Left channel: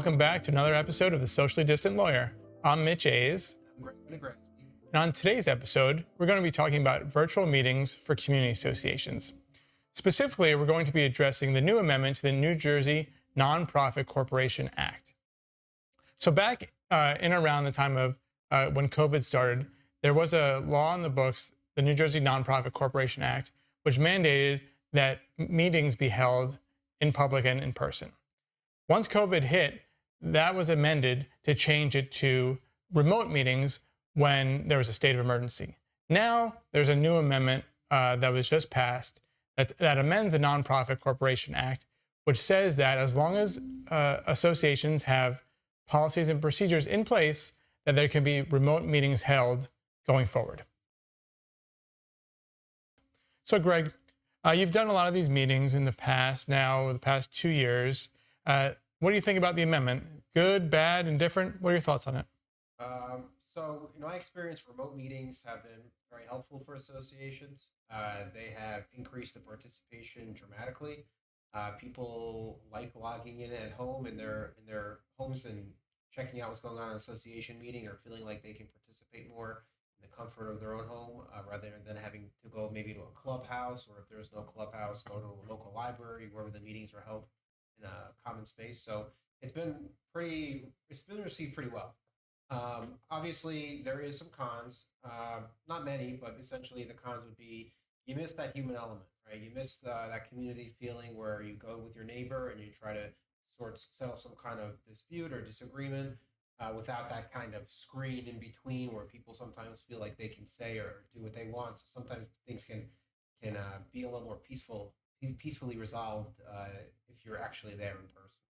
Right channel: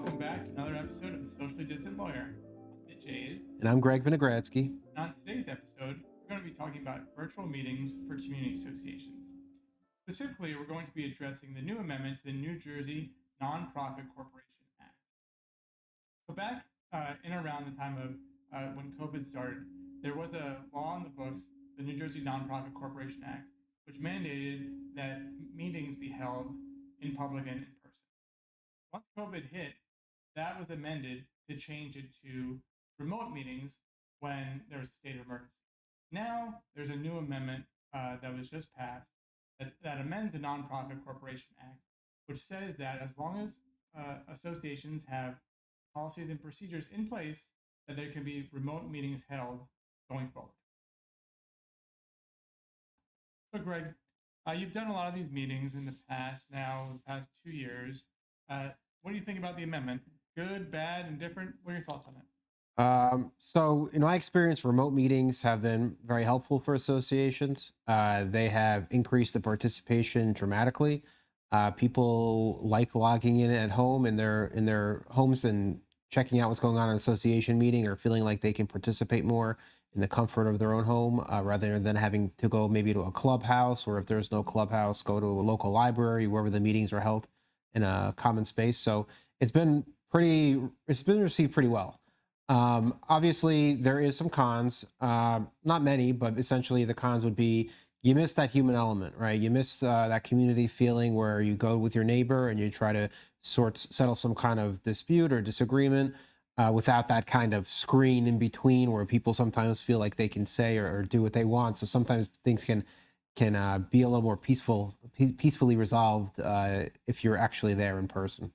welcome back to another episode of The Socially Distant Lawyer. I'm Mitch Ayes. And I'm Greg Vinogradsky. And on today's episode, we're going to be talking about virtual meetings for community associations. Specifically, we're going to be addressing the new amendment to the New Jersey Nonprofit Corporation Act. So back in around the time of when COVID started, there was a law in the books, the New Jersey Nonprofit Corporation Act, which mandated that meetings be held in public and in person. Once COVID hit, that was amended to change it to remote meetings when there was a state of emergency. Now, there's a new amendment that was just passed that amends the Nonprofit Corporation Act, which says that as long as associations have policies and procedures in place, that there can be remote meetings held going forward. So Greg, you've done a lot of these meetings in the past now, the past 2 years. What do you think about the amendment? Good, bad, indifferent? What are your thoughts on it? So in my experience, remote meetings have been very helpful for associations. They have increased the participation dramatically. People like logging in at home in their homes and checking out what's going on in an association meeting, or feeling like they can participate more in the comfort of their own home, rather than having to go maybe to a clubhouse, or if there's no clubhouse, go to a local library, wherever the meetings are held in a common space. So it's been received pretty well. Obviously, there is some cons, not many, but essentially the cons would be you miss that human element, right? You miss that community feeling where you go with your neighbor and you try to settle some kind of dispute or disagreement without that kind of screen in between, where people sometimes feel like they can say or do what they want. So sometimes things can be a little more peacefully resolved if you're actually there in person.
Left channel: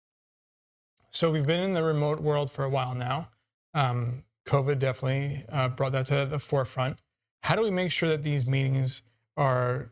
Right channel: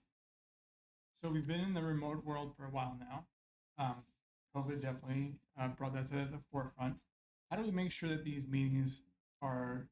So we've been in the remote world for a while now. COVID definitely brought that to the forefront. How do we make sure that these meetings are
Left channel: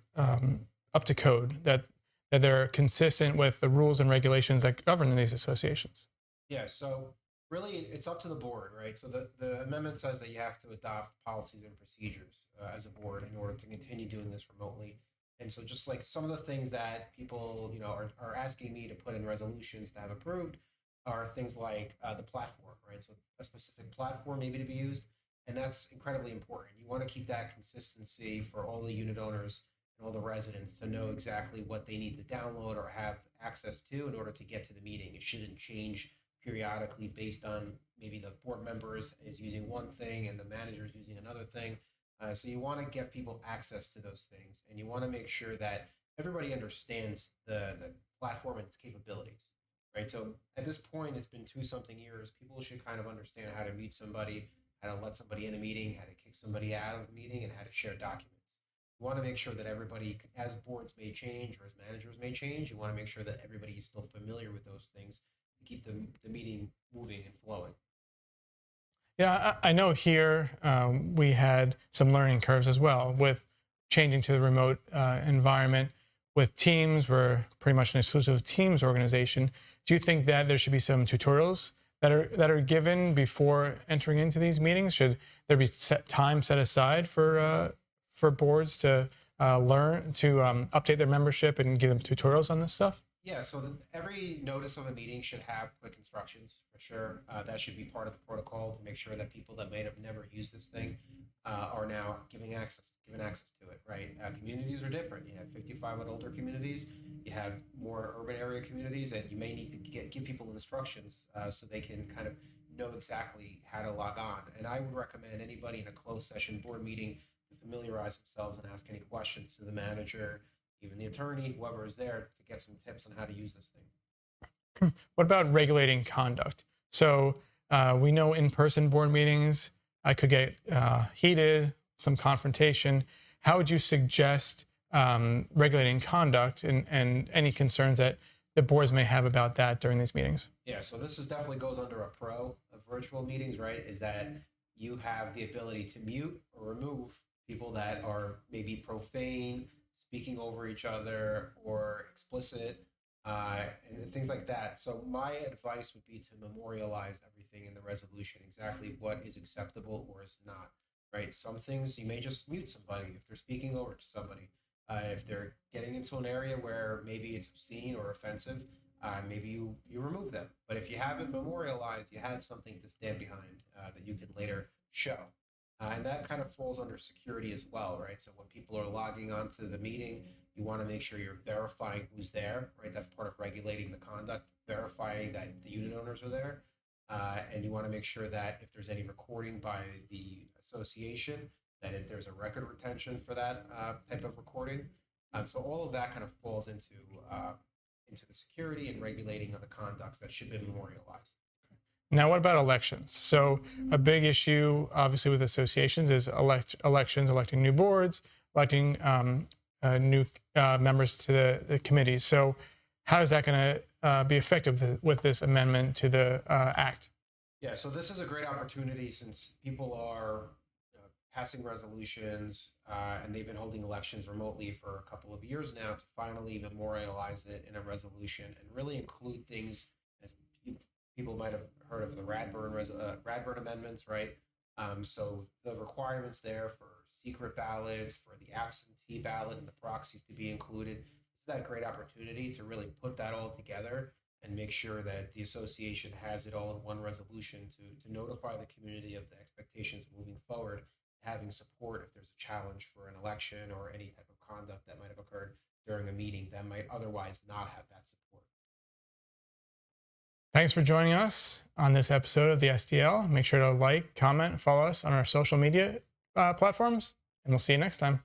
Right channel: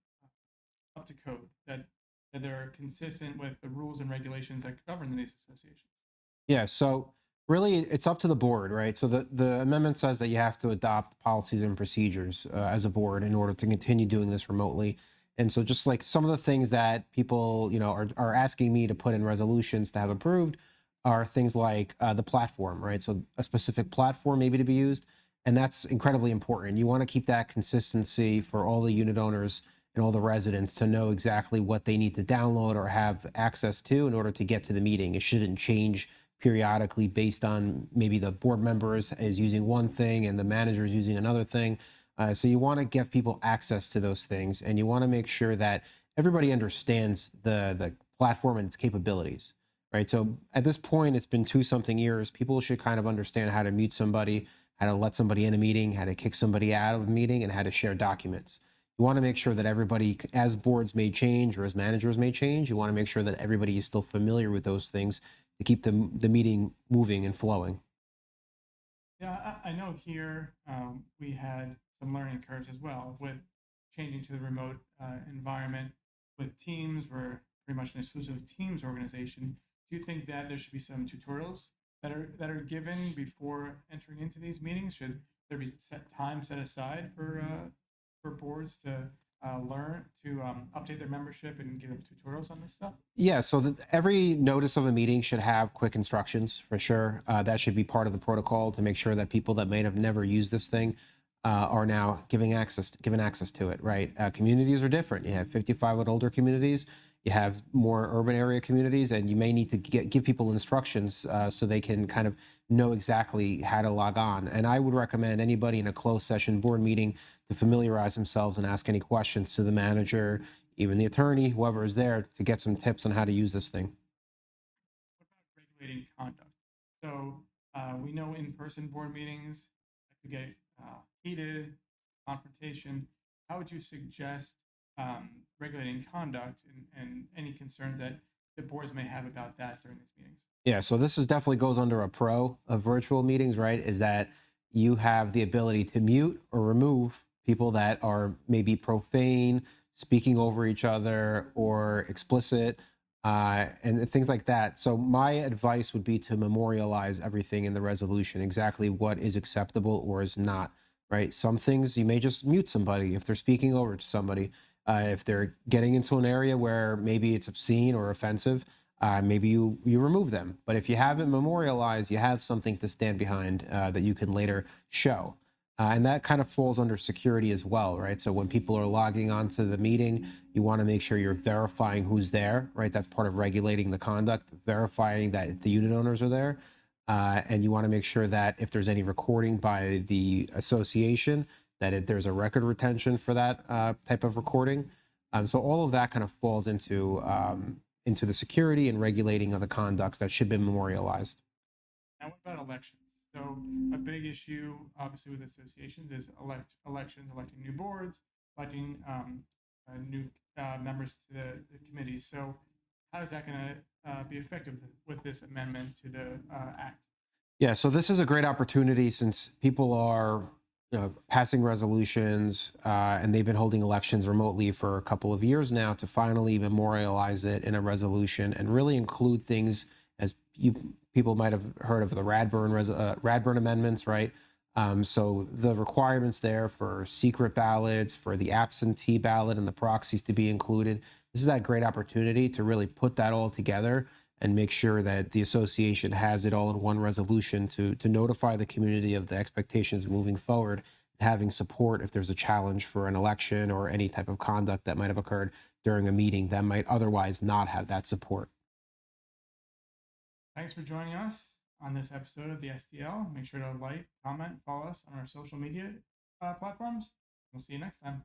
up to code, that they're consistent with the rules and regulations that govern these associations? Yeah, so really it's up to the board, right? So the amendment says that you have to adopt policies and procedures as a board in order to continue doing this remotely. And so just like some of the things that people, are asking me to put in resolutions to have approved are things like the platform, right? So a specific platform maybe to be used, and that's incredibly important. You want to keep that consistency for all the unit owners and all the residents to know exactly what they need to download or have access to in order to get to the meeting. It shouldn't change periodically based on maybe the board members is using one thing and the manager is using another thing. So you want to give people access to those things, and you want to make sure that everybody understands the platform and its capabilities. Right. So at this point, it's been 2-something years. People should kind of understand how to mute somebody, how to let somebody in a meeting, how to kick somebody out of a meeting, and how to share documents. You want to make sure that everybody, as boards may change or as managers may change, you want to make sure that everybody is still familiar with those things to keep the meeting moving and flowing. Yeah, I know here we had some learning curves as well with changing to the remote environment. With Teams, we're pretty much an exclusive Teams organization. Do you think that there should be some tutorials that are given before entering into these meetings? Should there be time set aside for boards to learn to update their membership and give them tutorials on this stuff? Yeah, so every notice of a meeting should have quick instructions for sure. That should be part of the protocol to make sure that people that may have never used this thing are now given access to it, right? Communities are different. You have 55 and older communities, you have more urban area communities, and you may need to give people instructions so they can kind of know exactly how to log on. And I would recommend anybody in a closed session board meeting to familiarize themselves and ask any questions to the manager, even the attorney, whoever is there, to get some tips on how to use this thing. What about regulating conduct? So we know in-person board meetings could get heated, some confrontation. How would you suggest regulating conduct and any concerns that the boards may have about that during these meetings? Yeah, so this definitely goes under a pro of virtual meetings, right? Is that you have the ability to mute or remove people that are maybe profane, speaking over each other, or explicit, and things like that. So my advice would be to memorialize everything in the resolution, exactly what is acceptable or is not, right? Some things you may just mute somebody if they're speaking over to somebody. If they're getting into an area where maybe it's obscene or offensive, maybe you remove them. But if you haven't memorialized, you have something to stand behind that you can later show. And that kind of falls under security as well, right? So when people are logging onto the meeting, you want to make sure you're verifying who's there, right? That's part of regulating the conduct, verifying that the unit owners are there. And you want to make sure that if there's any recording by the association, that there's a record retention for that type of recording. So all of that kind of falls into the security and regulating of the conducts that should be memorialized. Now, what about elections? So a big issue, obviously, with associations is elections, electing new boards, electing new members to the committees. So how is that going to be effective with this amendment to the Act? Yeah, so this is a great opportunity since people are passing resolutions and they've been holding elections remotely for a couple of years now to finally memorialize it in a resolution and really include things as people might have heard of the Radburn amendments, right? So the requirements there for secret ballots, for the absentee ballot and the proxies to be included. This is that great opportunity to really put that all together and make sure that the association has it all in one resolution to notify the community of the expectations moving forward, having support if there's a challenge for an election or any type of conduct that might have occurred during a meeting that might otherwise not have that support. Thanks for joining us on this episode of the SDL. Make sure to like, comment, follow us on our social media platforms, and we'll see you next time.